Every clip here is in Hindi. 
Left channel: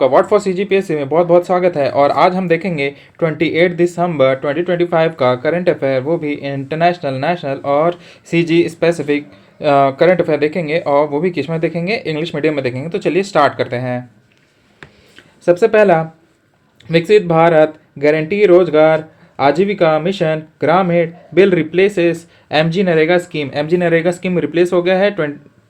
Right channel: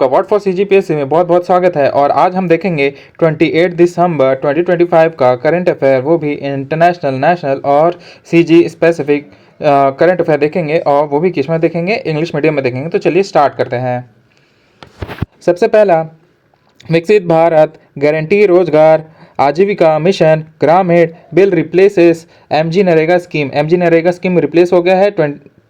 आपका व्हाट फॉर सीजीपीएससी में बहुत बहुत स्वागत है। और आज हम देखेंगे 28 दिसंबर 2025 का करंट अफेयर, वो भी इंटरनेशनल, नेशनल और सीजी स्पेसिफिक करंट अफेयर देखेंगे, और वो भी किस में देखेंगे, इंग्लिश मीडियम में देखेंगे। तो चलिए स्टार्ट करते हैं। सबसे पहला, विकसित भारत गारंटी रोजगार आजीविका मिशन ग्रामीण bill replaces MG NREGA scheme. MG NREGA scheme replace हो गया है।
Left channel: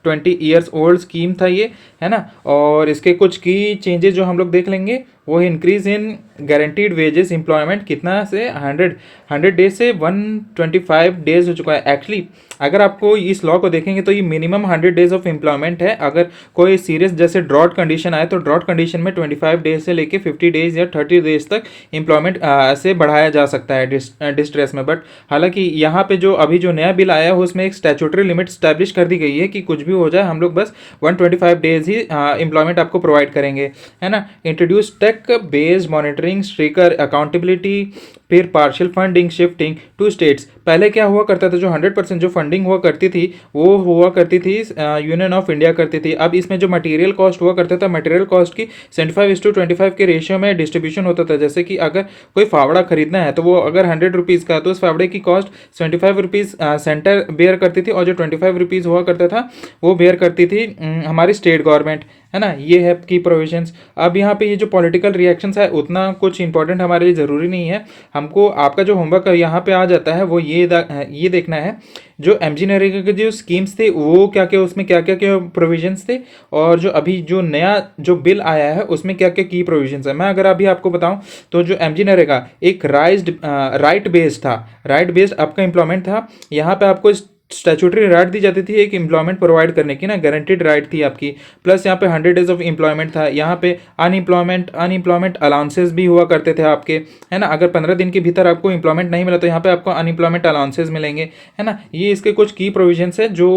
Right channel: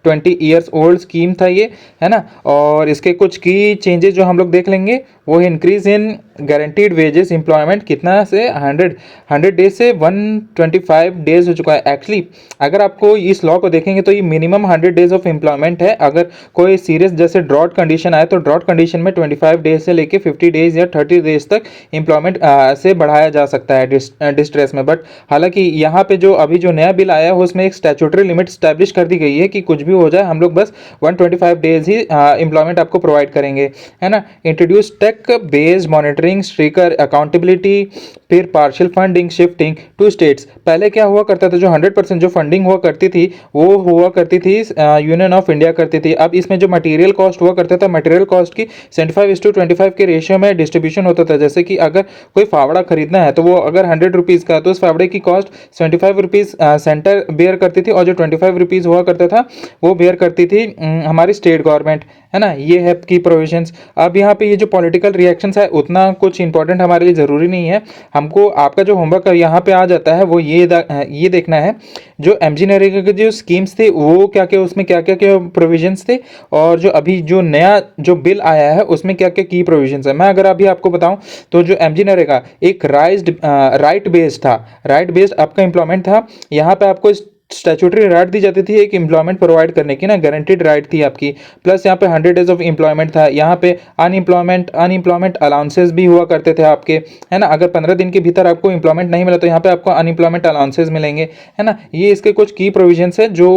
20 ईयर्स ओल्ड स्कीम था ये, है ना। और इसके कुछ की चेंजेस जो हम लोग देख लेंगे, वो है increase in guaranteed wages employment कितना से 100 डेज से 125 डेज हो चुका है। एक्चुअली अगर आपको इस लॉ को देखेंगे तो ये मिनिमम 100 डेज ऑफ एम्प्लॉयमेंट है। अगर कोई सीरियस जैसे ड्रॉट कंडीशन आए तो ड्रॉट कंडीशन में 25 डेज से लेके 50 डेज या 30 डेज तक एम्प्लॉयमेंट से बढ़ाया जा सकता है डिस्ट्रेस में। बट हालांकि यहाँ पे जो अभी जो नया बिल आया है उसमें एक स्टैट्यूटरी लिमिट स्टैब्लिश कर दी गई है कि कुछ भी हो जाए हम लोग बस 125 डेज ही एम्प्लॉयमेंट आपको प्रोवाइड करेंगे, है ना। Introduce tech based monitoring stricter accountability, फिर partial funding shifting to states. पहले क्या हुआ करता था, जो 100% जो फंडिंग हुआ करती थी वो हुआ करती थी यूनियन ऑफ इंडिया करती थी। अब इसमें जो मटेरियल कॉस्ट हुआ करता था, मटेरियल कॉस्ट की 75:25 के रेशियो में डिस्ट्रीब्यूशन होता था। जैसे कि अगर कोई फावड़ा खरीदना है तो वो अगर 100 रुपीज़ का, तो उस फावड़े की कॉस्ट 75 रुपीज़ सेंटर बेयर करती थी, और जो 25 रुपीज़ हुआ करता था वो बेयर करती थी हमारी स्टेट गवर्नमेंट, है ना। ये है की प्रोविजंस। अब यहाँ पे ये जो पॉलिटिकल रिएक्शंस है उतना कुछ इंपॉर्टेंट हमारे लिए ज़रूरी नहीं है। हमको आपका जो होमवर्क यहाँ पे आ जाता है वो ये देखना है जो एमजी नरेगा के जो स्कीम्स थे वो क्या क्या, उसमें क्या क्या क्या प्रोविजंस थे, और जो अभी जो नया जो बिल आया है उसमें क्या क्या की प्रोविजंस है। मैं अगर अभी आपको बताऊं तो जो एमजी नरेगा एक राइट बेस्ड था, राइट बेस्ड आपका एम्प्लॉयमेंट था। यहाँ पे आपको स्टैट्यूटरी राइट दी जाती थी एक एम्प्लॉयमेंट प्रोवाइड करने की ना, गारंटीड राइट थी आपकी। प्लस यहाँ पे 100 डेज ऑफ एम्प्लॉयमेंट था। यहाँ पे अनएम्प्लॉयमेंट अलाउंसेस भी हुआ करते थे आपके, है ना। अगर 15 दिन के भीतर आपको एम्प्लॉयमेंट नहीं मिला तो यहाँ पे आपको अनएम्प्लॉयमेंट अलाउंसेस मिलेंगे, है ना। ये इसके कुछ की प्रोविजंस है जो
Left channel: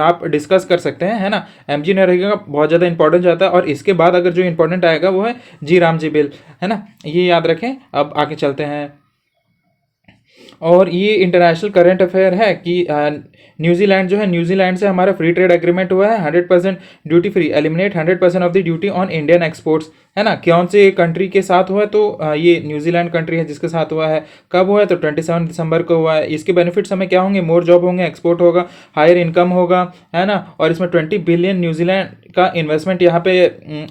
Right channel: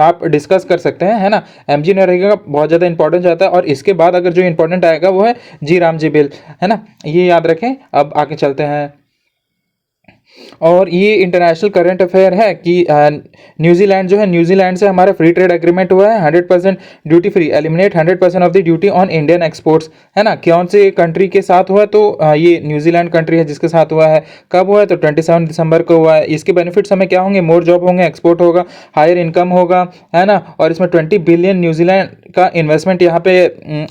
आप डिस्कस कर सकते हैं, है ना। एमजी नरेगा का बहुत ज़्यादा इंपॉर्टेंस जाता है। और इसके बाद अगर जो इंपॉर्टेंट आएगा वो है जी राम जी बिल, है ना। ये याद रखें। अब आगे चलते हैं। और ये इंटरनेशनल करंट अफेयर है कि न्यूजीलैंड जो है, न्यूजीलैंड से हमारा फ्री ट्रेड एग्रीमेंट हुआ है, 100% duty free, eliminate 100% of the duty on Indian exports, है ना। कौन से कंट्री के साथ हुआ है तो ये न्यूजीलैंड कंट्री है जिसके साथ हुआ है। कब हुआ है तो 27 दिसंबर को हुआ है। इसके बेनिफिट्स हमें क्या होंगे, मोर जॉब होंगे, एक्सपोर्ट होगा, हायर इनकम होगा, है ना। और इसमें 20 बिलियन न्यूजीलैंड का इन्वेस्टमेंट यहाँ पे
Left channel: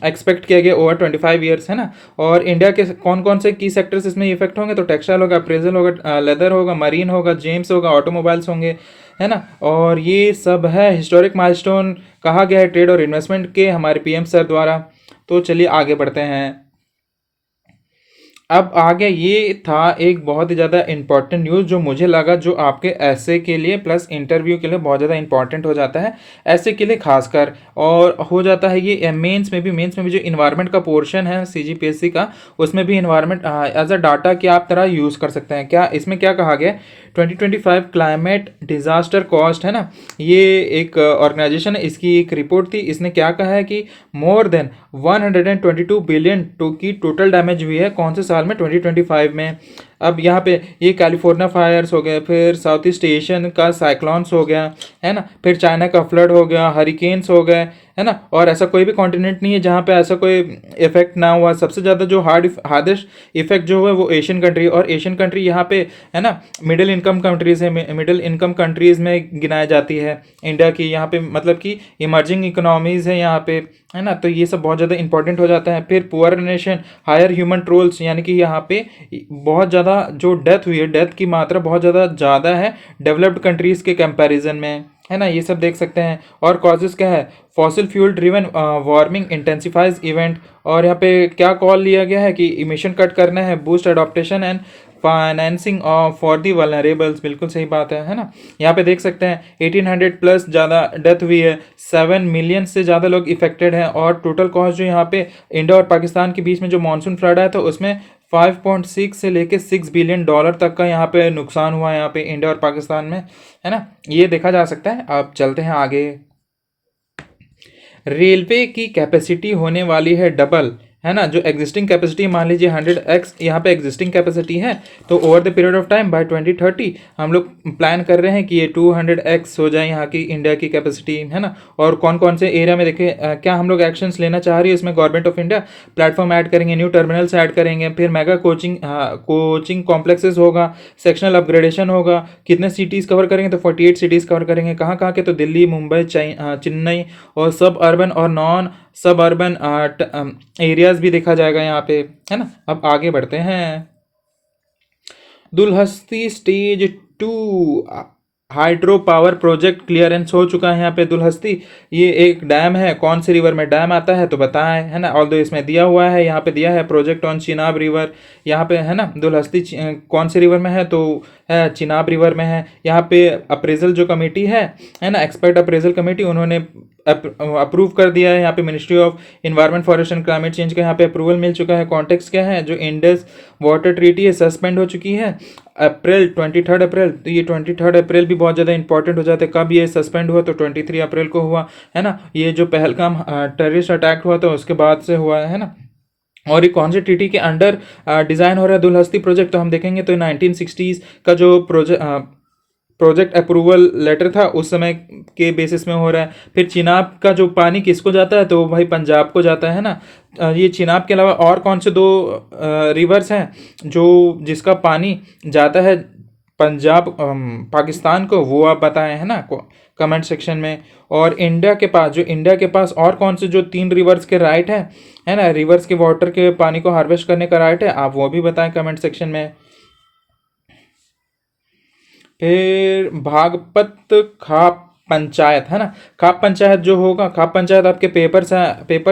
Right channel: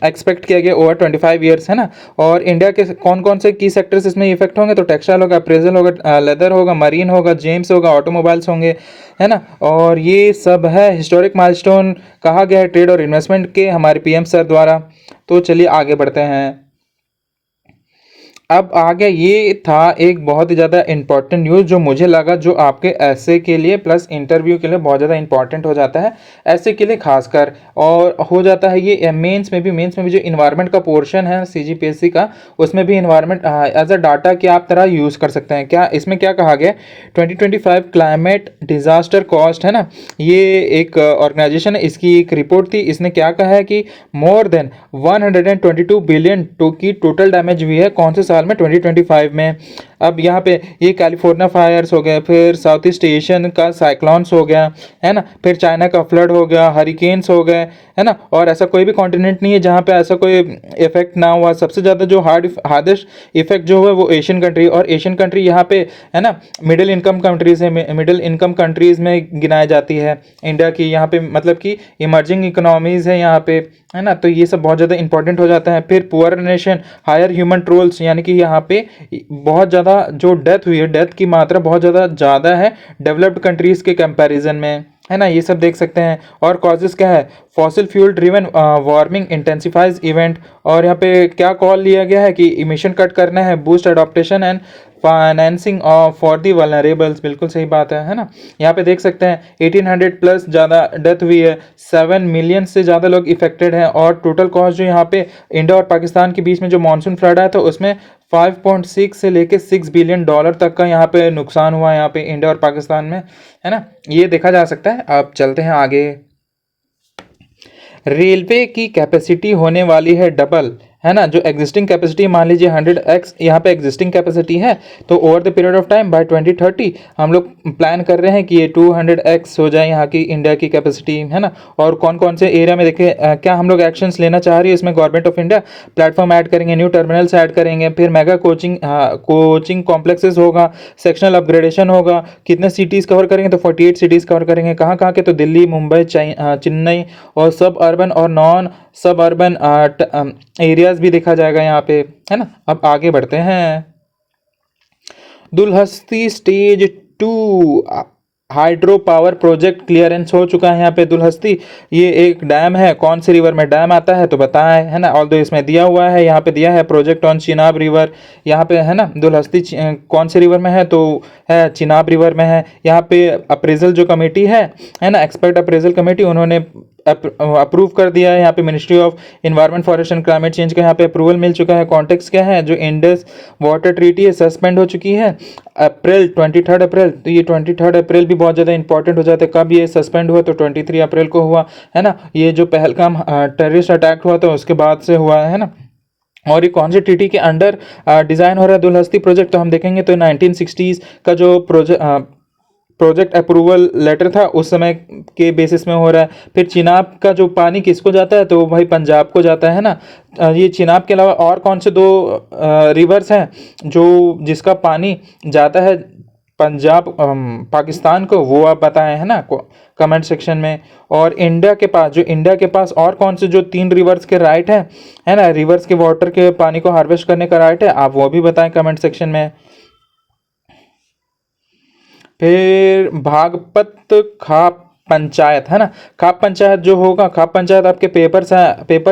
एक्सपेक्ट किया गया ओवर 25 ईयर्स, है ना। और इंडिया के कौन कौन से की सेक्टर्स इसमें इफेक्ट होंगे तो टेक्सटाइल होगा, अप्रेजल होगा, लेदर होगा, मरीन होगा, जेम्स होगा, ऑटोमोबाइल्स होंगे, है ना। और ये सब है हिस्टोरिक माइलस्टोन कहा गया है ट्रेड और इन्वेस्टमेंट के हमारे पीएम सर द्वारा। तो चलिए आगे बढ़ते हैं। अब आगे ये था एक बहुत ही ज़्यादा इंपॉर्टेंट न्यूज़ जो मुझे लगा जो आपके ऐसे के लिए प्लस इंटरव्यू के लिए बहुत ज़्यादा इंपॉर्टेंट हो जाता है, ऐसे के लिए खासकर। और हो जाता है ये मेंस में भी जो इन्वायरमेंट का पोर्शन है सीजीपीएससी का, उसमें भी इन्वायरमेंट एज अ डाटा की आप तरह यूज़ कर सकते हैं। क्या इसमें क्या कहा गया, 2025 क्लाइमेट डिजास्टर कॉस्ट, है ना। ये एक ऑर्गेनाइजेशन है, इसकी एक रिपोर्ट थी। इसने क्या कहा है कि मोर देन 122 बिलियन की टोटल डैमेज हुई है कौन से साल में, 2025 में। अब यहाँ पे ये कैलिफोर्निया फायर्स हो गए, फिर साउथ ईस्ट एशियन का साइक्लोन्स हो गया, है ना, फिर चाइना का फ्लड हो गया, हरिकेन्स हो गए, है ना। और ऐसा कोई भी कॉन्टिनेंट नहीं है जहाँ पे ऐसा कोई इफेक्ट ना हुआ। सबसे ज़्यादा जो हार्डेस्ट इफेक्ट जो हुआ वो एशियन कंट्री, और एशियन कंट्री यहाँ पे, है ना, मिडिल इनकम कंट्रीज है, मिडिल इनकम कंट्रीज में गिनाई जाती है इंडिया की। यहाँ पे मतलब कि इमर्जिंग इकोनॉमीज है यहाँ पे, है ना। तो ये सब बहुत ज़्यादा इंपॉर्टेंट हो जाता है। फिर poor nation hire human trolls, यानी कि यहाँ पे बहुत ज़्यादा जो डेथ हुई है, डेथ की मात्रा बहुत ज़्यादा है डेवलप्ड कंट्रीज़ के कंपैरिजन में, है ना। ये सब देख सकते हैं। और कॉजेज़ क्या है, fossil fuel driven warming intensifies event. और यहाँ पे क्या कॉल लिया गया है कि इमिशन कट करना है, boost adaptation and financing for the vulnerables. बिल्कुल सही बात है ना। यहाँ पे देख सकते हैं 1800 प्लस ज़्यादा डेथ हुई है, 7 मिलियन से ज़्यादा लोग इफेक्टेड हैं। और टोटल कॉस्ट जो यहाँ पे इंडिया और पाकिस्तान के बीच में जो मानसून फ्लड आया था उसमें 5.6 से लेके $6 बिलियन तक का यहाँ पे नुकसान हुआ है यहाँ पे इंडिया और पाकिस्तान में, है ना। ये देखा जा सकता है। अब चलते हैं आगे। रेलवे की कैपेसिटी होने वाली है डबल, है ना, जो एग्जिस्टिंग कैपेसिटी मान लीजिए 100x यहाँ पे एग्जिस्टिंग कैपेसिटी है, तो over the period of time by 2030 हम लोग प्लान कर रहे हैं कि ये 200x हो जाए यहाँ की इंडिया की कैपेसिटी, है ना। और कौन कौन से एरिया में देखिए क्या हम लोग एक्शंस लेना चाह रही है इसमें government of India, platform add करेंगे, न्यू टर्मिनल्स ऐड करेंगे, फिर मेगा कोचिंग कॉम्प्लेक्सेस होगा, सेक्शनल अपग्रेडेशन होगा। कितने सिटीज़ कवर करेंगे, तो 48 सिटीज़ कवर करेंगे। कहाँ कहाँ के, तो दिल्ली, मुंबई, चेन्नई, और सब अर्बन और नॉन सब अर्बन एरियाज भी देखा जाएगा यहाँ पे, है ना। अब आगे बढ़ते हैं। Dulhasti stage 2 hydro power project clearance हो चुका है यहाँ पे। दुलहस्ती ये एक डैम है, कौन सी रिवर में डैम आता है तो बताएं, है ना। ऑल्दो इसमें दिया हुआ है, यहाँ पे दिया है प्रोजेक्ट ऑन चिनाब रिवर, यहाँ पे है ना। दुलहस्ती कौन सी रिवर में है, तो है चिनाब रिवर में है। यहाँ पे अप्रेजल जो कमेटी है ना, एक्सपर्ट अप्रेजल कमेटी, उन्होंने अप्रूव कर दिया है। यहाँ पे ministry of environment forest and climate change का यहाँ पे अप्रूवल मिल चुका है। कॉन्टेक्स्ट क्या है, जो इंडस वाटर ट्रीटी है सस्पेंड हो चुकी है अप्रैल 23 अप्रैल। तो ये 23 अप्रैल भी बहुत ज़्यादा इंपॉर्टेंट हो जाता है। कब ये सस्पेंड हुआ, तो 23 अप्रैल को हुआ, है ना। ये जो पहलगाम टेररिस्ट अटैक हुआ था उसके बाद से हुआ है ना। और ये कौन से ट्रीटी के अंडर डिज़ाइन हो रहा है दुलहस्ती प्रोजेक्ट, तो हम देखेंगे तो 1960s का जो प्रोजेक्ट अप्रूवल लेटर था उस समय के बेसिस में हो रहा है। फिर चिनाब का जो पानी किसको जाता है, तो भाई पंजाब को जाता है ना। ये चिनाब के अलावा और कौन से दो रिवर्स हैं जो जिसका पानी जाता है पंजाब पाकिस्तान को, वो आप बताएं, है ना, कमेंट सेक्शन में। और इंडिया के पास और कौन से जो 3 रिवर्स के राइट है ना, रिवर्स के वाटर के पानी को हार्वेस्ट करने का राइट है, आप वो भी बताएं कमेंट सेक्शन में। फिर भागपत खाप पंचायत, है ना। खाप पंचायत जो होगा, खाप पंचायत आपके पेपर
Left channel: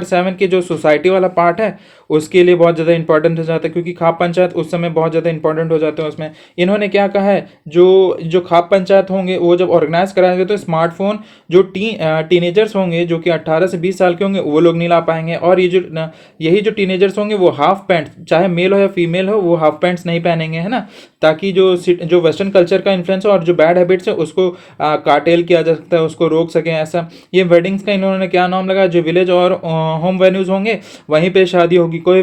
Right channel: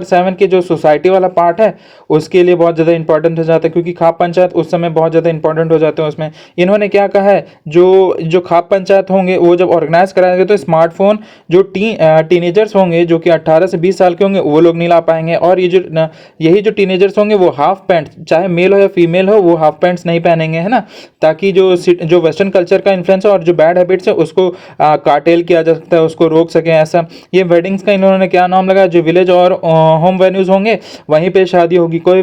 7 के जो सोसाइटी वाला पार्ट है उसके लिए बहुत ज़्यादा इंपॉर्टेंट हो जाता है, क्योंकि खाप पंचायत उस समय बहुत ज़्यादा इंपॉर्टेंट हो जाते हैं उसमें। इन्होंने क्या कहा है, जो जो खाप पंचायत होंगे वो जब ऑर्गेनाइज कराएंगे तो स्मार्टफोन जो टीनेजर्स होंगे जो कि 18 से 20 साल के होंगे वो लोग नहीं ला पाएंगे। और यही जो टीनेजर्स होंगे वो हाफ पैंट, चाहे मेल हो या फीमेल हो, वो हाफ पैंट्स नहीं पहनेंगे, है ना, ताकि जो वेस्टर्न कल्चर का इन्फ्लुएंस है और जो बैड हैबिट्स है उसको काटेल किया जा सकता है, उसको रोक सकें ऐसा। ये वेडिंग्स का इन्होंने क्या नाम लगाया, जो विलेज और होम वेन्यूज होंगे वहीं पे शादी होगी, कोई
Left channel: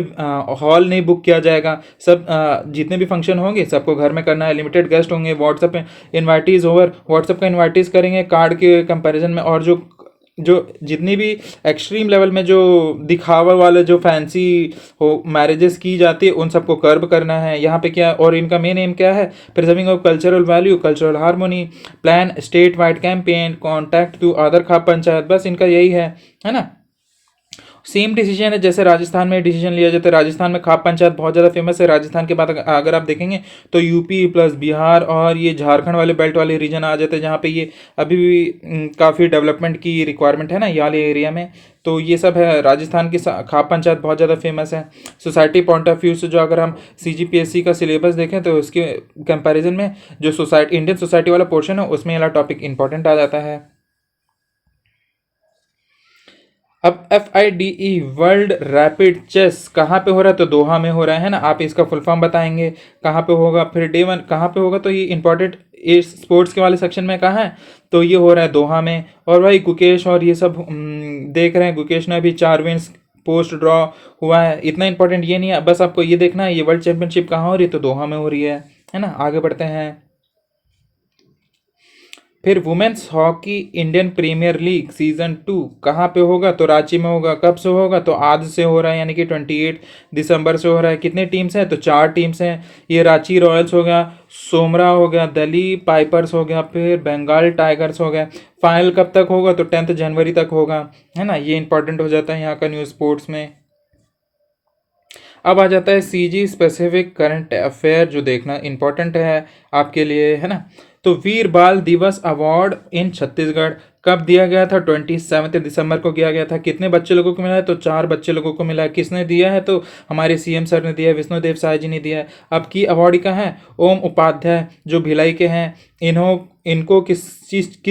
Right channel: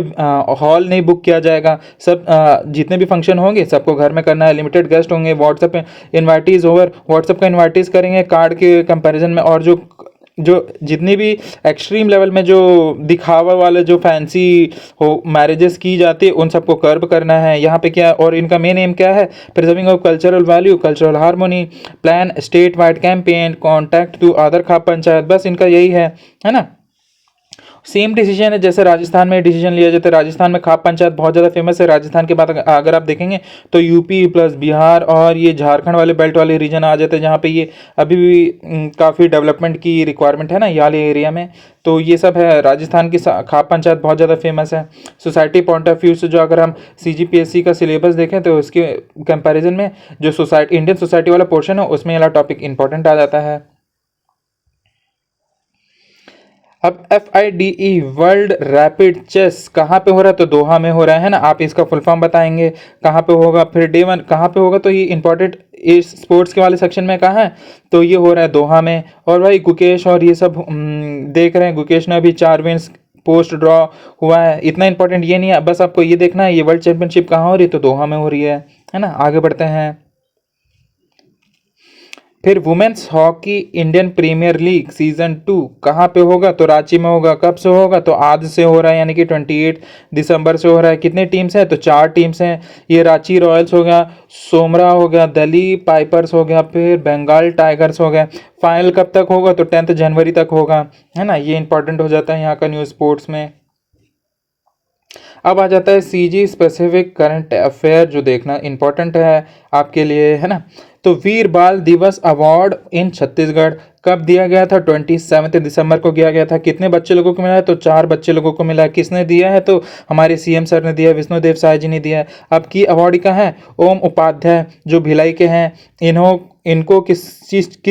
हॉल नहीं बुक किया जाएगा। सब जितने भी फंक्शन होंगे सबको घर में करना है। लिमिटेड गेस्ट होंगे, व्हाट्सएप इन्वाइटीज ओवर व्हाट्सएप का इन्वाइटीज करेंगे कार्ड के कंपैरिजन में। और जो जितनी भी एक्सट्रीम लेवल में जो दिखावा वाले जो फैंसी हो मैरिजेस की जाती है उन सबको कर्ब करना है यहाँ पे। क्या और इनका मेन एम क्या है, preserving of cultural value, cultural harmony, plan state wide campaign, contact to other khap panchayat, बस इनका यही है ना। सेम डिसीजन है जैसे राजस्थान में डिसीजन लिया जाता है। राजस्थान में खाप पंचायत बहुत ज़्यादा फेमस है। राजस्थान के बाद अगर आप देखेंगे तो यूपी प्लस बिहार और ये झारखंड वाले बेल्ट वाले रीजन आ जाते हैं, जहाँ पे ये अभी भी काफ़ी डेवलपमेंट की रिक्वायरमेंट है ना ये वाले एरिया में। तो ये सब है, राजस्थान की खाप पंचायत बहुत ज़्यादा फेमस है। सोसाइटी पॉइंट ऑफ व्यू से जो अगर हम CGPSC का सिलेबस देखें तो उसके कंपैरिजन में जो इंडियन सोसाइटी वाला पोर्शन है उसमें ये वाला टॉपिक इंपॉर्टेंट आ जाता है। अब FIDE वर्ल्ड रैपिड चेस कहाँ पे हो रहा है, तो दोहा में हो रहा है ना। आप इसका फुल फॉर्म बताएंगे कहाँ पे होगा। फिर डे 1 कहाँ पे होगा, तो ये इंपॉर्टेंट इस स्पोर्ट्स के वाले सेक्शन में कहाँ है, तो ये हो रहा है दोहा में। और भाई गुकेश और ये सब देख रहे हैं, गुकेश ने अभी 4 विन्स पोस्ट ड्रॉ हुआ है। इतना इंपॉर्टेंट ये नहीं है, बस आपको ये देखना है ये वर्ल्ड चैंपियनशिप कहाँ हो रही है, तो दोहा में हो रही है ना। आगे बढ़ते हैं। फिर women's hockey Indian premier league season 2 कहाँ पे होगा, तो रांची में होगा। कब से होगा, तो आज से हो रहा है, यानी कि 28 दिसंबर से हो रहा है। कितनी टीम्स हैं, तो 4 टीम्स हैं। ये रांची रॉयल्स हो गया, सोमरा हो गया, दिल्ली पाइपर्स हो गया, फिर बंगाल टाइगर्स हो गया। फाइनल कब तक होगा, तो 10 जनवरी तक होगा, है ना। ये इंपॉर्टेंट हो जाता है यहाँ का न्यूज़ स्पोर्ट्स में। अब आ जाता है CG स्पेसिफिक करंट अफेयर जो देखना इंपॉर्टेंट है आपके लिए, है ना। तो वीर बाल दिवस अवार्ड इन छत्तीसगढ़ कब दिया गया था, 27 दिसंबर को दिया गया था। कितने बच्चे लोगों को मिला है, तो 4 बच्चे लोगों को मिला है। किसने दिया है, तो हमारे CM सर ने दिया है, विष्णुदेव साय जी ने दिया है। अब की अवार्डी का है ओम उपाध्याय जो भिलाई के हैं। इनको किस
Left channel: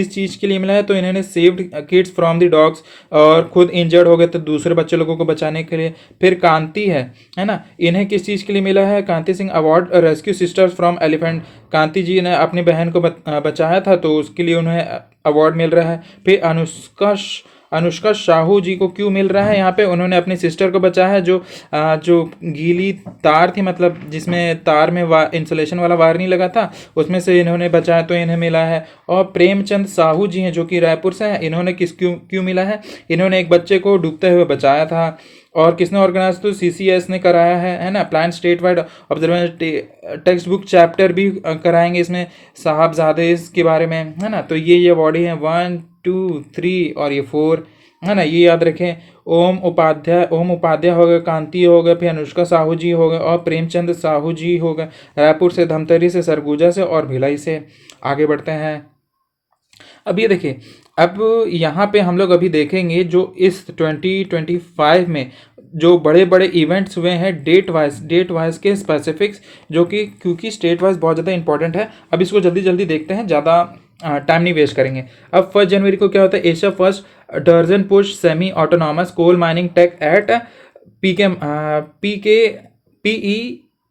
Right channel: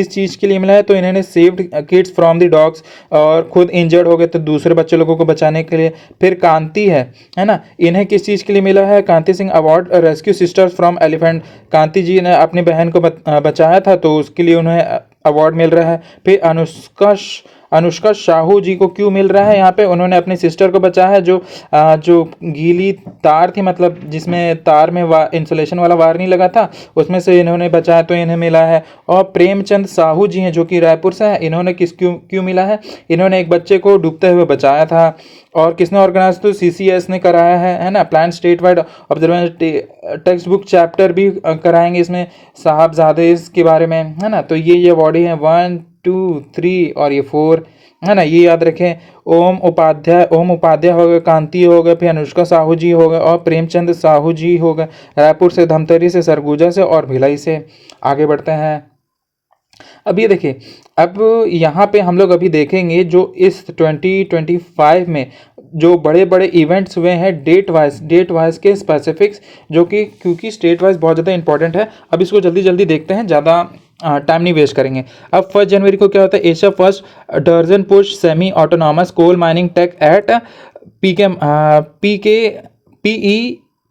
चीज़ के लिए मिला है, तो इन्होंने saved kids from the dogs, और खुद इंजर्ड हो गए तो दूसरे बच्चे लोगों को बचाने के लिए। फिर कांति है ना, इन्हें किस चीज़ के लिए मिला है, Kanti Singh award rescue sisters from elephant. Kanti ji ने अपनी बहन को बचाया था तो उसके लिए उन्हें अवार्ड मिल रहा है। फिर अनुष्का साहू जी को क्यों मिल रहा है यहाँ पे? उन्होंने अपनी सिस्टर को बचाया है, जो गीली तार थी, मतलब जिसमें तार में इंसुलेशन वाला वायर नहीं लगा था, उसमें से इन्होंने बचाया तो इन्हें मिला है। और प्रेमचंद साहू जी हैं जो कि रायपुर से हैं, इन्होंने क्यों क्यों मिला है? इन्होंने एक बच्चे को डूबते हुए बचाया था। और किसने ऑर्गेनाइज? तो CCS ने कराया है ना। Plan state wide observation text book chapter भी कराएंगे इसमें साहबजादे के बारे में, है ना। तो ये बॉडी है 1 2 3 और ये 4, है ना, ये याद रखें। ओम उपाध्याय हो गए, कांति हो गए, फिर अनुष्का साहू जी हो गए और प्रेमचंद साहू जी हो गए, रायपुर से, धमतरी से, सरगुजा से और भिलाई से। आगे बढ़ते हैं। अब ये देखिए, अब यहाँ पे हम लोग अभी देखेंगे जो इस 2025 में जो बड़े बड़े इवेंट्स हुए हैं डेट वाइज के स्पेसिफिक्स, जो कि क्योंकि स्टेट वाइज बहुत ज़्यादा इंपॉर्टेंट है। अब इसको जल्दी जल्दी देखते हैं, ज़्यादा टाइम नहीं वेस्ट करेंगे। अब 1 जनवरी को क्या होता है? Asia first dozen push semi autonomous coal mining tech at PE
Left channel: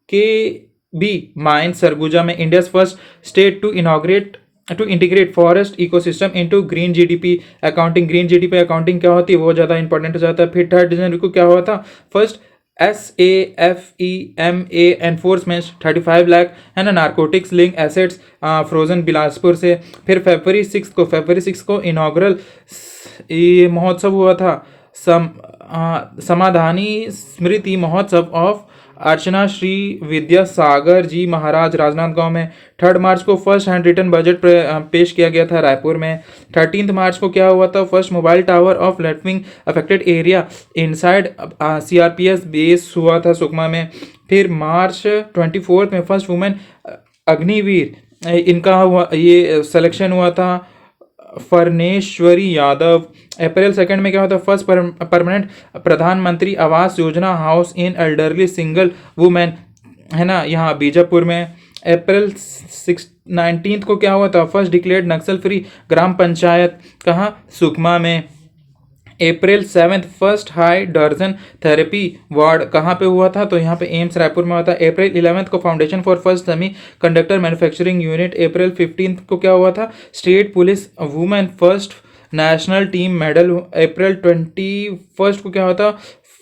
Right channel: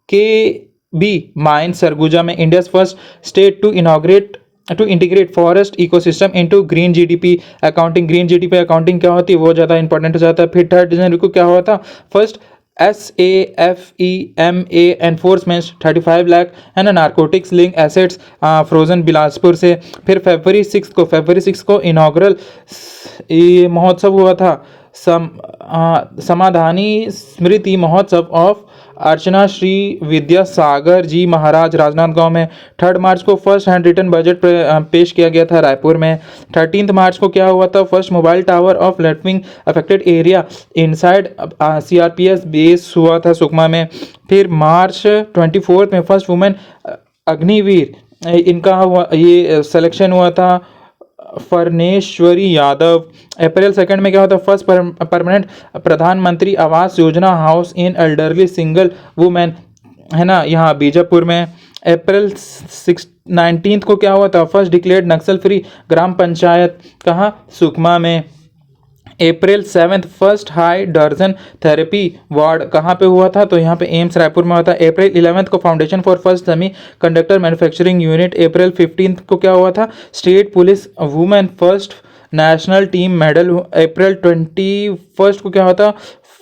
के बी माइन सरगुजा में, India first state to integrate forest ecosystem into green GDP accounting. Green GDP accounting क्या होती है, वो ज़्यादा इंपॉर्टेंट हो जाता है। फिर 3 जनवरी को क्या हुआ था? फर्स्ट SAFEMA एनफोर्समेंट 35 लाख, है ना, narcotics link assets frozen Bilaspur से। फिर फरवरी 6 को इनॉग्रल ये महोत्सव हुआ था, समाधानी स्मृति महोत्सव ऑफ अर्चना श्री विद्यासागर जी महाराज राजनांदगांव में। 3 मार्च को फर्स्ट हैंड रिटन बजट पेश किया गया था रायपुर में। 13 मार्च को क्या हुआ था? First mobile tower of left affected area inside CRPS base हुआ था सुकमा में। फिर मार्च 24 में फर्स्ट वुमेन अग्निवीर इनका हुआ, ये सिलेक्शन हुआ था, फरनेश्वरी यादव। अप्रैल 2 में क्या होता है? फर्स्ट परमानेंट प्रधानमंत्री Awas Yojana house in elderly single women, है ना, यहाँ बीजापुर में। अप्रैल 19 को क्या हुआ था? फर्स्ट डिक्लेयर्ड नक्सल फ्री ग्राम पंचायत, कहाँ? सुकमा में। अप्रैल 7 फर्स्ट हाई डर्जन थेरेपी वार्ड कहाँ पे हुआ था? तो यहाँ पे एम्स रायपुर में होता है। अप्रैल 11 को foundation for first semiconductor manufacturing unit. April 15 को क्या हुआ था? State police women first national team medal. April 21 को क्या होता?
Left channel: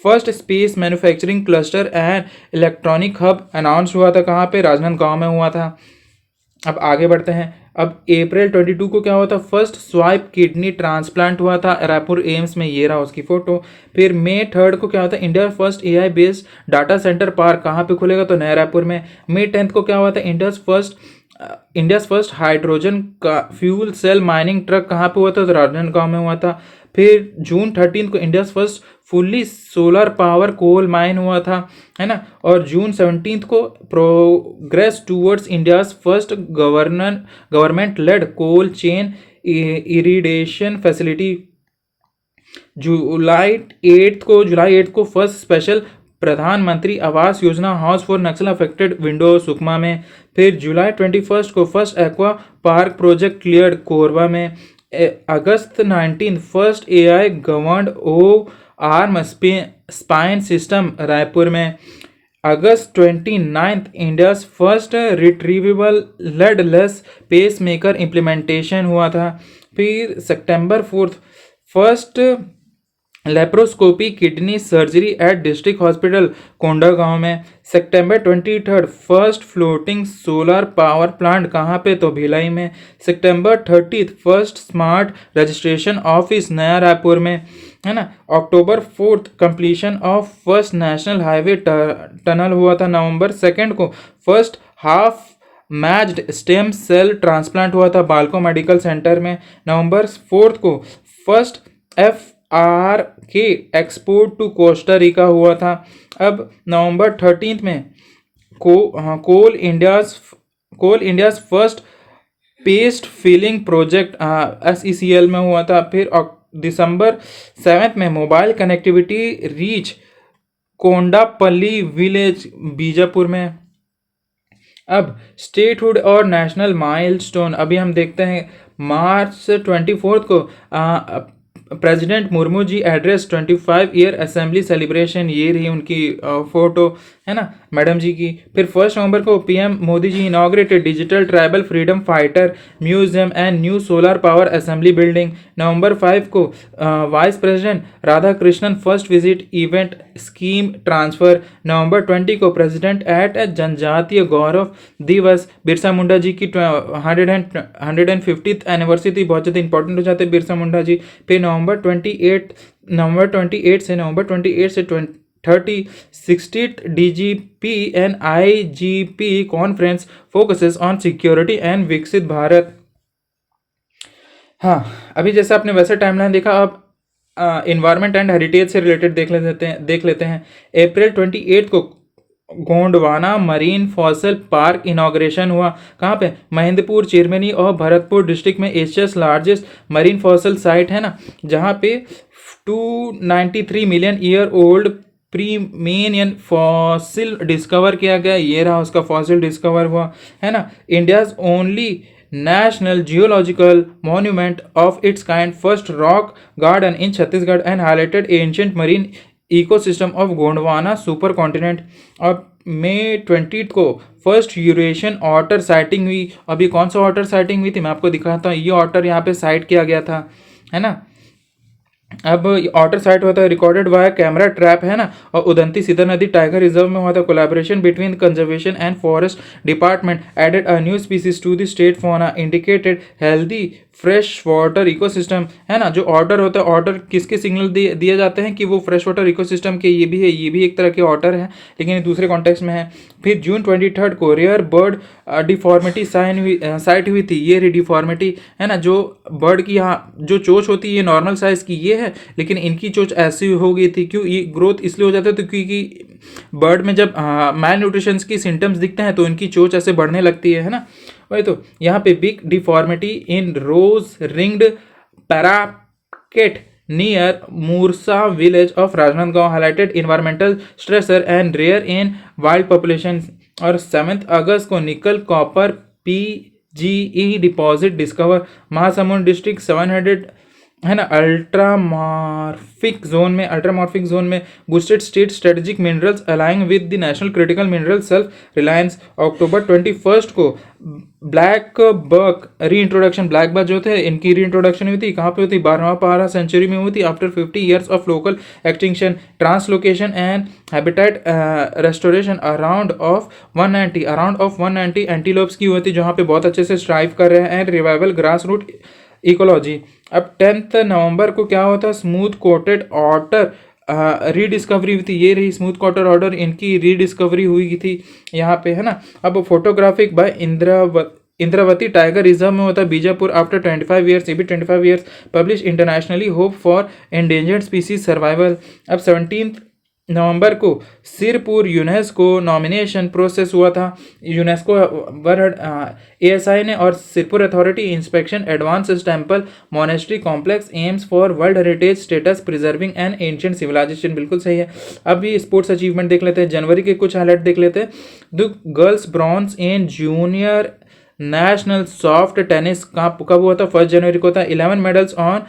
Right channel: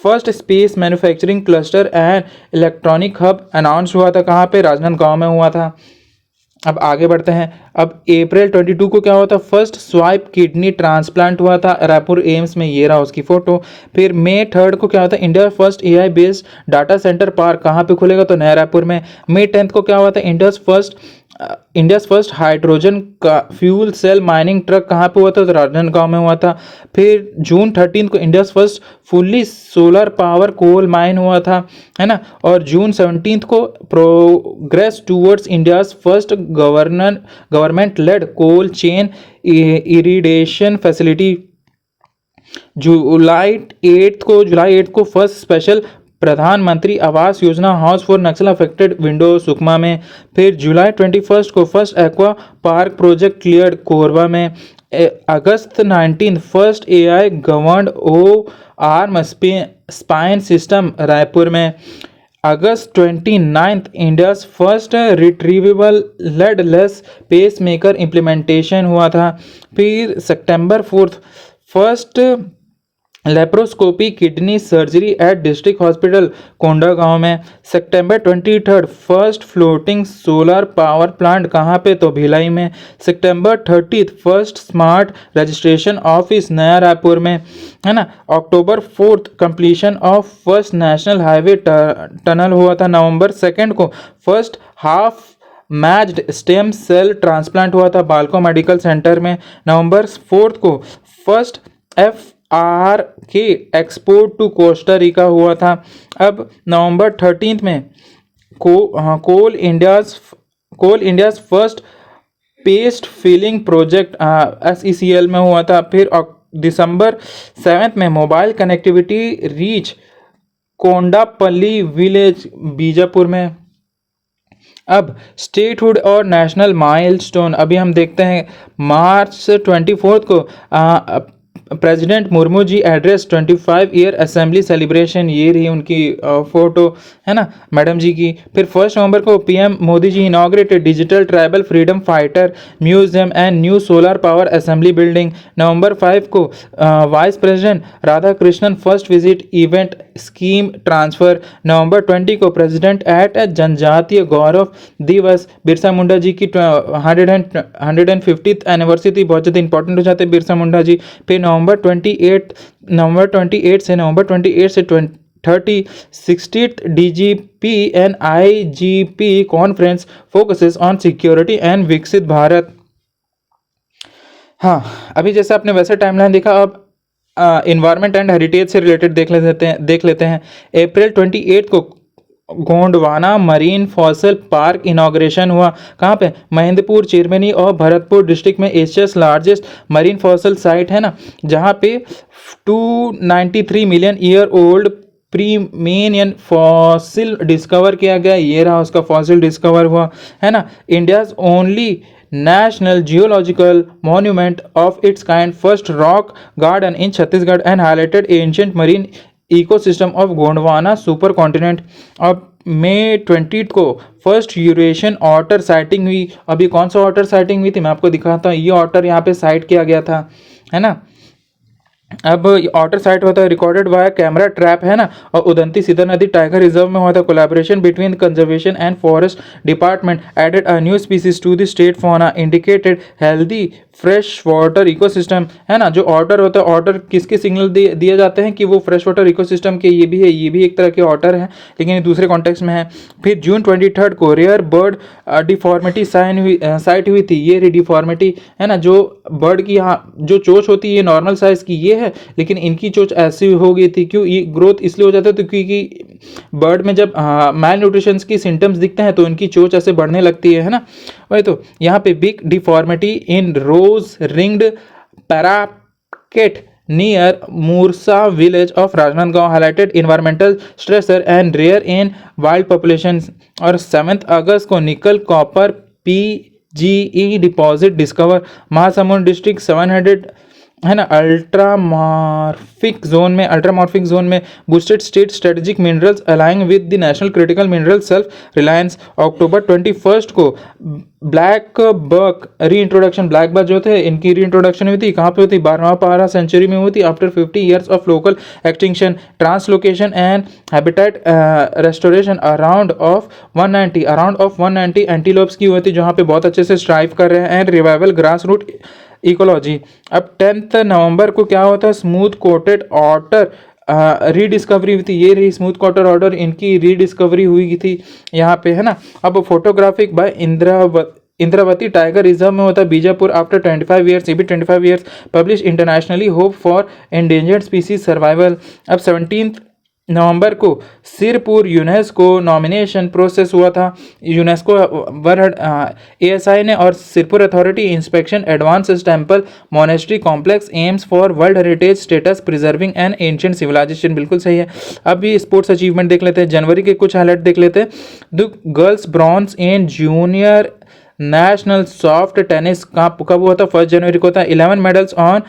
First space manufacturing cluster and electronic hub announce हुआ था, कहाँ पे? राजनांदगांव में हुआ था। अब आगे बढ़ते हैं। अब अप्रैल 22 को क्या हुआ था? फर्स्ट स्वाइप किडनी ट्रांसप्लांट हुआ था रायपुर एम्स में, ये रहा उसकी फोटो। फिर मई 3 को क्या हुआ था? India first AI based data centre park कहाँ पे खुलेगा? तो नया रायपुर में। मई 10 को क्या हुआ था? इंडिया फर्स्ट हाइड्रोजन का फ्यूल सेल माइनिंग ट्रक कहाँ पे हुआ था? तो राजनांदगांव में हुआ था। फिर जून 13 को India first fully solar power coal mine हुआ था, है ना। और जून 17 को progress towards India first government led cold chain irradiation facility. जुलाई 8 को first special Pradhanmantri Awas Yojana house for Naxal affected window Sukma में। फिर जुलाई 21 को first aqua park project cleared Korba में। अगस्त 19 first AI governed arm spine system Raipur में। अगस्त 29 India first रिट्रीवेबल लेडलेस pacemaker implementation हुआ था। फिर सितंबर 4 first laparoscopy kidney surgery at district hospital Kondagaon में। सितंबर 23 first floating solar power plant कहाँ पे? तो भिलाई में। सितंबर 30 first smart registration office Naya Raipur में, है ना। अक्टूबर 4 completion of first national highway tunnel हुआ था। नवंबर 2 को first half matched stem cell transplant हुआ था बालको मेडिकल सेंटर में। नवंबर 4 को first FRK export to Costa Rica हुआ था। अब नवंबर 13 में Coal India's first paste filling project SECL में हुआ था। फिर दिसंबर 7 में mobile connectivity reach Kondapalli village Bijapur में। अब स्टेटहुड और नेशनल माइलस्टोन अभी हम देखते हैं। मार्च 24 को president Murmu ji address 25 year assembly celebration, ये रही उनकी फोटो, है ना, मैडम जी की। फिर 1 नवंबर को PM Modi ji inaugurated digital tribal freedom fighter museum and new solar power assembly building. नवंबर 5 को vice president Radhakrishnan first visit event scheme transfer. नवंबर 20 को प्रेसिडेंट एट जनजातीय गौरव दिवस, बिरसा मुंडा जी की 150th एनिवर्सरी थी, बहुत ज़्यादा इंपॉर्टेंट हो जाते हैं बिरसा मुंडा जी। फिर नवंबर 28 से 30 60th DGP and IGP conference focuses on security and विकसित भारत। हाँ, अभी जैसे आपने वैसे टाइमलाइन देखा, अब इन्वायरमेंट एंड हेरिटेज से रिलेटेड देख लेते हैं। अप्रैल 28 को Gondwana marine fossil park inauguration हुआ। कहाँ पे? महेंद्रपुर, चिरमिनी और भरतपुर डिस्ट्रिक्ट में Asia's largest marine fossil site है ना, जहाँ पे 293 million year old Permian fossil discover किया गया। ये रहा उसका फॉसिल डिस्कवर हुआ, है ना। India's only national geological monument of its kind, first rock garden in Chhattisgarh and highlighted ancient marine ecosystem of Gondwana super continent. अब मई 20 को फर्स्ट यूरेशियन ऑटर साइटिंग हुई। अभी कौन सा ऑटर साइटिंग हुई थी मैं आपको दिखाता हूँ। ये ऑटर यहाँ पे साइट किया गया था, है ना। अब ऑटर साइट होता है रिकॉर्डेड वाया कैमरा ट्रैप, है ना। और उदंती सीधा नदी टाइगर रिजर्व में हुआ था। Collaboration between conservation and forest department added a new species to the state fauna, indicated healthy fresh water ecosystem, है ना। जो ऑर्डर होता है, ऑर्डर किसके सिग्नल दिए जाते हैं कि वो फ्रेश वाटर इकोसिस्टम के, ये भी है, ये भी एक तरह के ऑर्डर है, लेकिन ये दूसरे कॉन्टेक्स्ट में है। फिर जून 23 को रेयर बर्ड डिफॉर्मिटी साइट हुई थी। ये डिफॉर्मिटी, है ना, जो बर्ड की यहाँ जो चोंच होती है ये नॉर्मल साइज की ये है, लेकिन इनकी चोंच ऐसी हो गई थी। क्यों? ये ग्रोथ इसलिए हो जाता है तो क्योंकि बर्ड में जब मैल न्यूट्रिशन की सिम्टम्स दिखते हैं तो इनकी चोंच ऐसे बढ़ने लगती है ना। वही तो यहाँ पे big deformity in rose ringed parakeet near Moorsa village of Rajnandgaon, highlighted environmental stressor and rare in wild population. और 7 अगस्त को nickel copper PGE deposit discover, Mahasamund district 700, है ना, अल्ट्रामॉर्फिक जोन में boosted state strategic minerals aligning with the national critical mineral self reliance. अक्टूबर 21 को ब्लैक बक री इंट्रोडक्शन, ब्लैक बक जो थे इनकी री इंट्रोडक्शन हुई थी। कहाँ पे हुई थी? 12वां सेंचुरी में हुई थी, after 50 years of local extinction, translocation and habitat restoration around of 190 antelopes की हुई थी, जहाँ पे बहुत अच्छे से स्ट्राइव कर रहे हैं, and revival grass root ecology. अब 10 नवंबर को क्या होता है? स्मूथ कोटेड ऑटर रीडिस्कवरी हुई थी। ये रही स्मूथ कोटेड ऑटर, इनकी रीडिस्कवरी हुई थी यहाँ पे, है ना। अब photographic by Indravati tiger reserve में होता है बीजापुर, आफ्टर 25 ईयर्स, ये भी 25 years, publish internationally hope for endangered species survival. अब 17 नवंबर को सिरपुर यूनेस्को नॉमिनेशन प्रोसेस हुआ था। यूनेस्को वर्ल्ड एएसआई ने और Sirpur authority inspection advance temple monastery complex aims for world heritage status preserving an ancient civilisation, बिल्कुल सही है। अभी स्पोर्ट्स अचीवमेंट देख लेते हैं, जनवरी के कुछ हाईलाइट देख लेते हैं। The girls bronze in junior national soft tennis कब हुआ था? 1 जनवरी को था। 11 medals on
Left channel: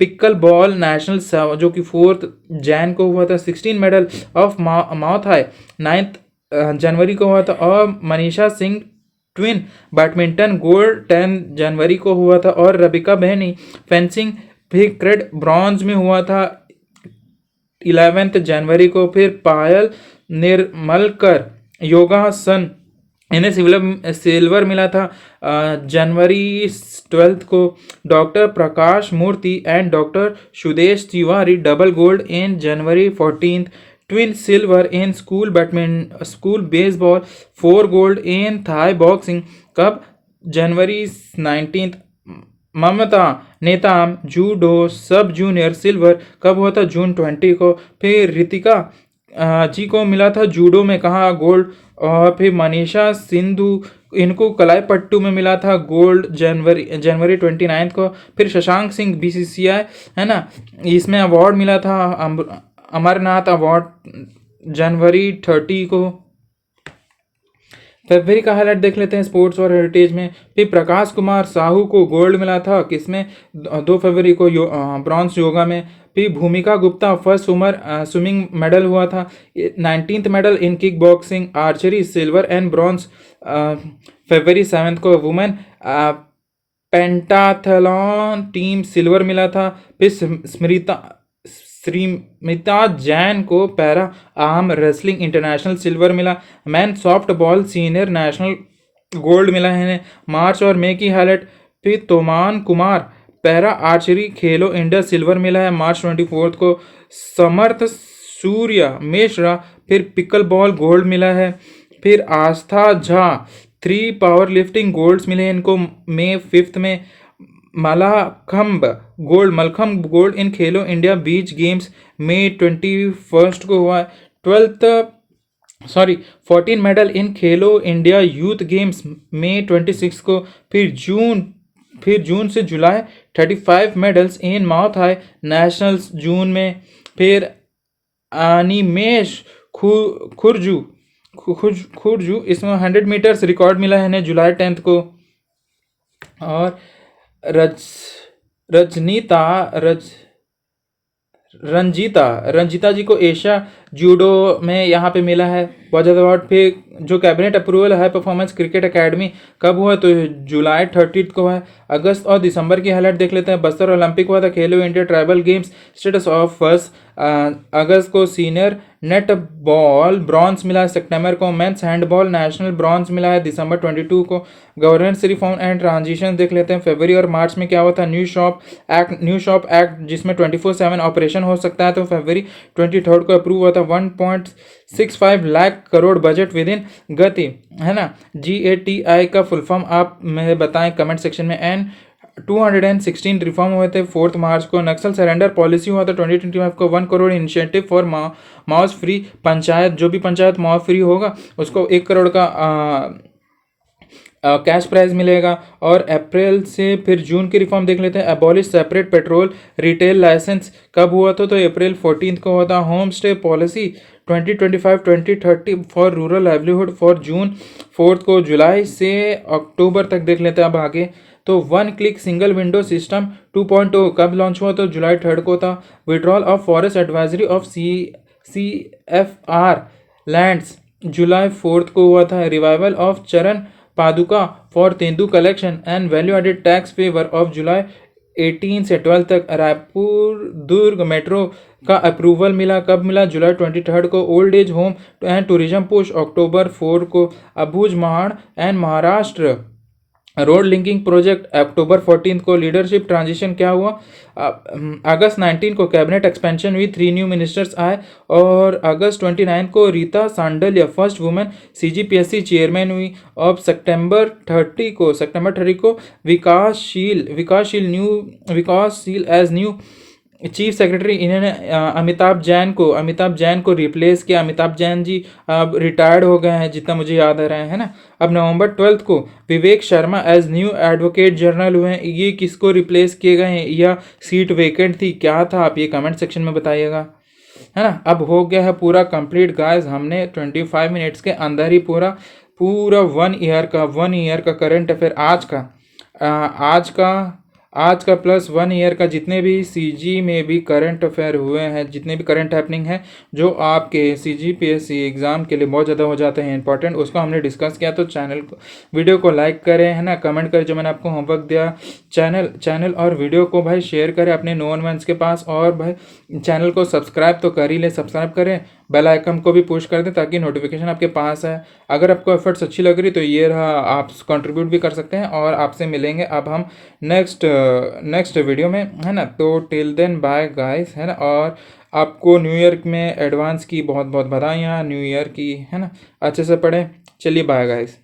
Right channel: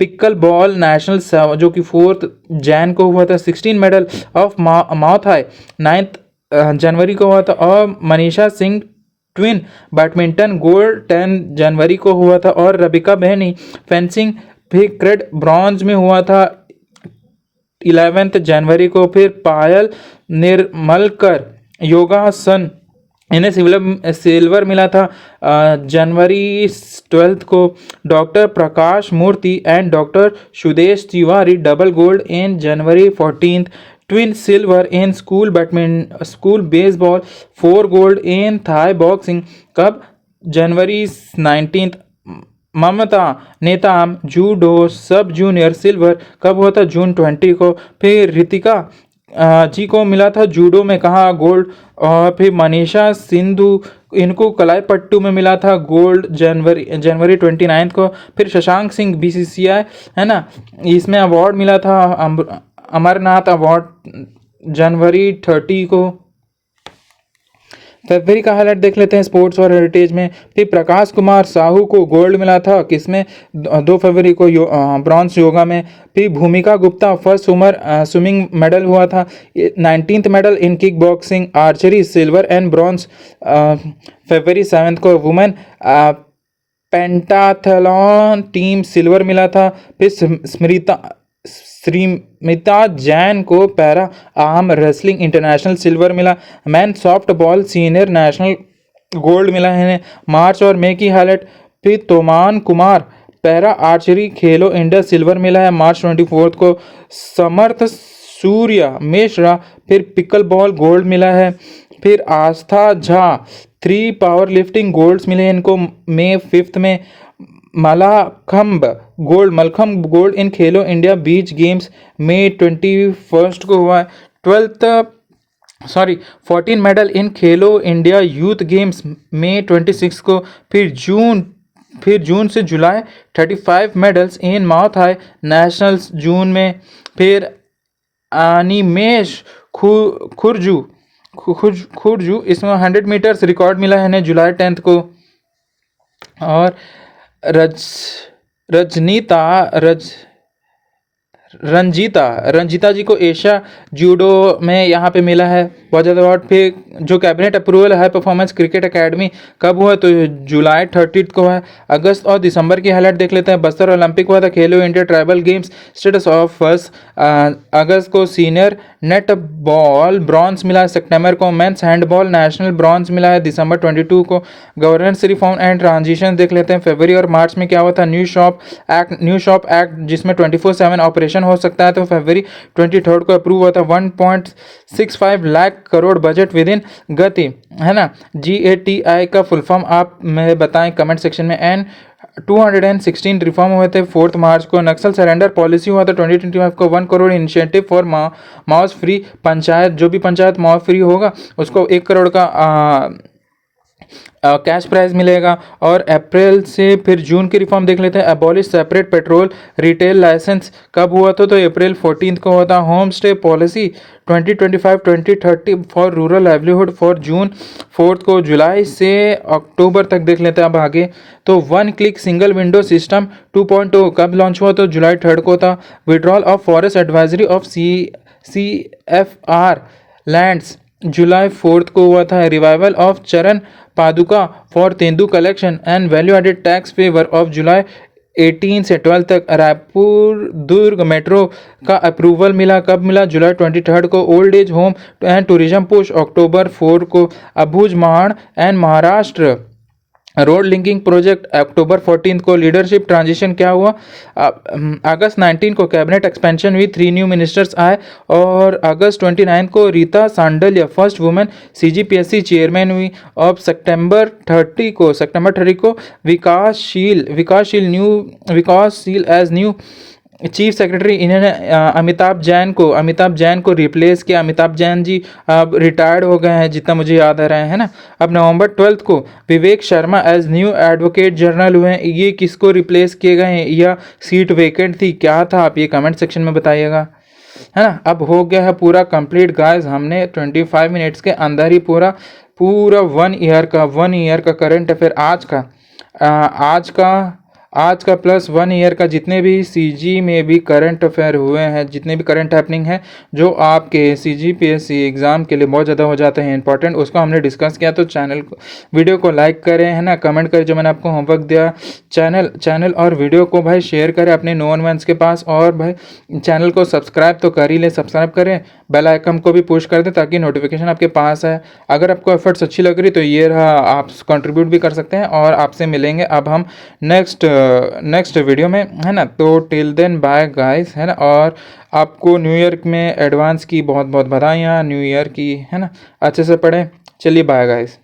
pickle ball national जो कि 4 जैन को हुआ था। 16 मेडल ऑफ माउथ हाई 9 जनवरी को हुआ था। और Manisha Singh twin badminton gold 10 जनवरी को हुआ था। और रबिका बहनी फेंसिंग भी क्रेड ब्रॉन्ज में हुआ था 11 जनवरी को। फिर पायल निर्मलकर योगासन, इन्हें सिल्वर मिला था जनवरी 12 को। Doctor Prakash Murthy and doctor Sudesh Tiwari double gold in January 14, twin silver in school baseball, 4 gold in Thai boxing कब? जनवरी 19। Mamata Netam judo sub junior silver कब हुआ था? जून 20 को। फिर रितिका जी को मिला था जूडो में, कहा? गोल्ड। और फिर मनीषा सिंधु, इनको कलाईपट्टू में मिला था गोल्ड जनवरी 29 को। फिर शशांक सिंह बीसीसीआई, है ना, इसमें अवार्ड मिला था अमरनाथ अवार्ड जनवरी 30 को। फरवरी का हाईलाइट देख लेते हैं स्पोर्ट्स और हेरिटेज में। फिर प्रकाश कुमार साहू को गोल्ड मिला था किसमें, 2 फरवरी को ब्रॉन्ज योगा में। फिर भूमिका गुप्ता फर्स्ट स्विमिंग मेडल हुआ था। 19th medal in kick boxing archery silver and bronze फरवरी 7 को। वुमेन पेंटाथलॉन टीम सिल्वर मिला था। फिर श्रीमिता जैन को para arm wrestling international silver मिला। Men softball senior national gold मिला है। मार्च और मई की हाईलाइट। फिर Toman Kumar para archery Khelo India silver मिला है मार्च 24 को। समर्थ सूर्य मिश्रा फिर पिकल बॉल गोल्ड मिला है। फिर आस्था झा 3 पावर लिफ्टिंग गोल्ड्स मिले इनको मई 5 में। Mallakhamb gold in Khelo India beach games मई 21 को हुआ है। 14 medal in Khelo India youth games मई 26 को। फिर जून से जुलाई 35 medals in Muay Thai nationals June में। फिर अनिमेश खुरजू इसमें 100 मीटर्स रिकॉर्ड मिला है इन्हें जुलाई 10 को। और रज रजनीता रज रंजीता जी को एशिया जूडो में यहाँ पे मिला है बहुत ज़्यादा अवार्ड। फिर जो कैबिनेट अप्रूवल है परफॉर्मेंस क्रिकेट एकेडमी कब हुआ, तो जुलाई 30 को है। अगस्त और दिसंबर की हाईलाइट देख लेते हैं। बस्तर ओलंपिक हुआ था Khelo India tribal games status of first अगस्त को। सीनियर नेट बॉल ब्रॉन्ज मिला है सितंबर को। मेंस हैंडबॉल नेशनल ब्रॉन्ज मिला है दिसंबर 22 को। गवर्नेंस रिफॉर्म एंड ट्रांजिशन देख लेते हैं। फरवरी और मार्च में क्या हुआ था, न्यू शॉप एक्ट जिसमें 24/7 ऑपरेशन हो सकता है, तो फरवरी 23 को अप्रूव हुआ था। 1.65 lakh crore budget with in गति, है ना। GATI का फुल फॉर्म आप मैं बताएं कमेंट सेक्शन में। एंड 216 रिफॉर्म हुए थे 4 मार्च को। नक्सल सरेंडर पॉलिसी हुआ था 2025 को। 1 crore initiative for mouse free panchayat, जो भी पंचायत माउस फ्री होगा उसको 1 करोड़ का कैश प्राइज मिलेगा। और अप्रैल से फिर जून की रिफॉर्म देख लेते हैं। Abolish separate petrol retail licence कब हुआ था, तो अप्रैल 14 को हुआ था। Home stay policy 2025-2030 for rural livelihood for जून 4 को। जुलाई से अक्टूबर तक देख लेते हैं अब आगे। तो 1 क्लिक सिंगल विंडो सिस्टम 2.0 कब लॉन्च हुआ, तो जुलाई 3 को था। Withdrawal of forest advisory of CFR lands जुलाई 4 को हुआ था। Revival of Charan Paduka for tendu collection and value added tax favour of जुलाई 18 से 12 तक। रायपुर दुर्ग मेट्रो का अप्रूवल मिला कब मिला, जुलाई 23 को। Old age home and tourism push अक्टूबर 4 को। Abujhmarh and Maharashtra road linking project अक्टूबर 14 को। लीडरशिप ट्रांजिशन क्या हुआ, अगस्त 19 को कैबिनेट एक्सपेंशन हुई, 3 न्यू मिनिस्टर्स आए। और अगस्त 29 को Rita Sandilya first women CGPSC chairman हुई। अब सितंबर 30 को विकासशील एज न्यू चीफ सेक्रेटरी इन्होंने अमिताभ जैन को रिप्लेस किया। अमिताभ जैन जी अब रिटायर्ड हो गए हैं जितना मुझे याद आ रहा है ना। अब नवंबर 12 को Vivek Sharma as new advocate general हुए हैं। ये किसको रिप्लेस किए गए हैं, यह सीट वेकेंट थी, क्या था, आप ये कमेंट सेक्शन में बताइएगा, है ना। अब हो गया है पूरा कंप्लीट गाइस, हमने 25 मिनट्स के अंदर ही पूरा 1 ईयर का करंट अफेयर आज का प्लस 1 ईयर का जितने भी CG में भी करंट अफेयर हुए हैं, जितने भी करंट हैपनिंग है जो आपके CGPSC एग्ज़ाम के लिए बहुत ज़्यादा हो जाते हैं इंपॉर्टेंट, उसको हमने डिस्कस किया। तो वीडियो को लाइक करें, है ना, कमेंट करें जो मैंने आपको होमवर्क दिया। चैनल और वीडियो को भाई शेयर करें अपने नोन वंस के पास। और भाई चैनल को सब्सक्राइब तो कर ही ले, सब्सक्राइब करें, बेल आइकन को भी पुश कर दें ताकि नोटिफिकेशन आपके पास है। अगर आपको एफर्ट्स अच्छी लग रही तो ये रहा, आप कंट्रीब्यूट भी कर सकते हैं। और आपसे मिलेंगे अब हम नेक्स्ट वीडियो में, है ना। तो टिल देन बाय गाइस, है ना। और आपको न्यू ईयर में एडवांस की बहुत बहुत बधाइयाँ न्यू ईयर की, है ना। अच्छे से पढ़ें, चलिए बाय गाइस।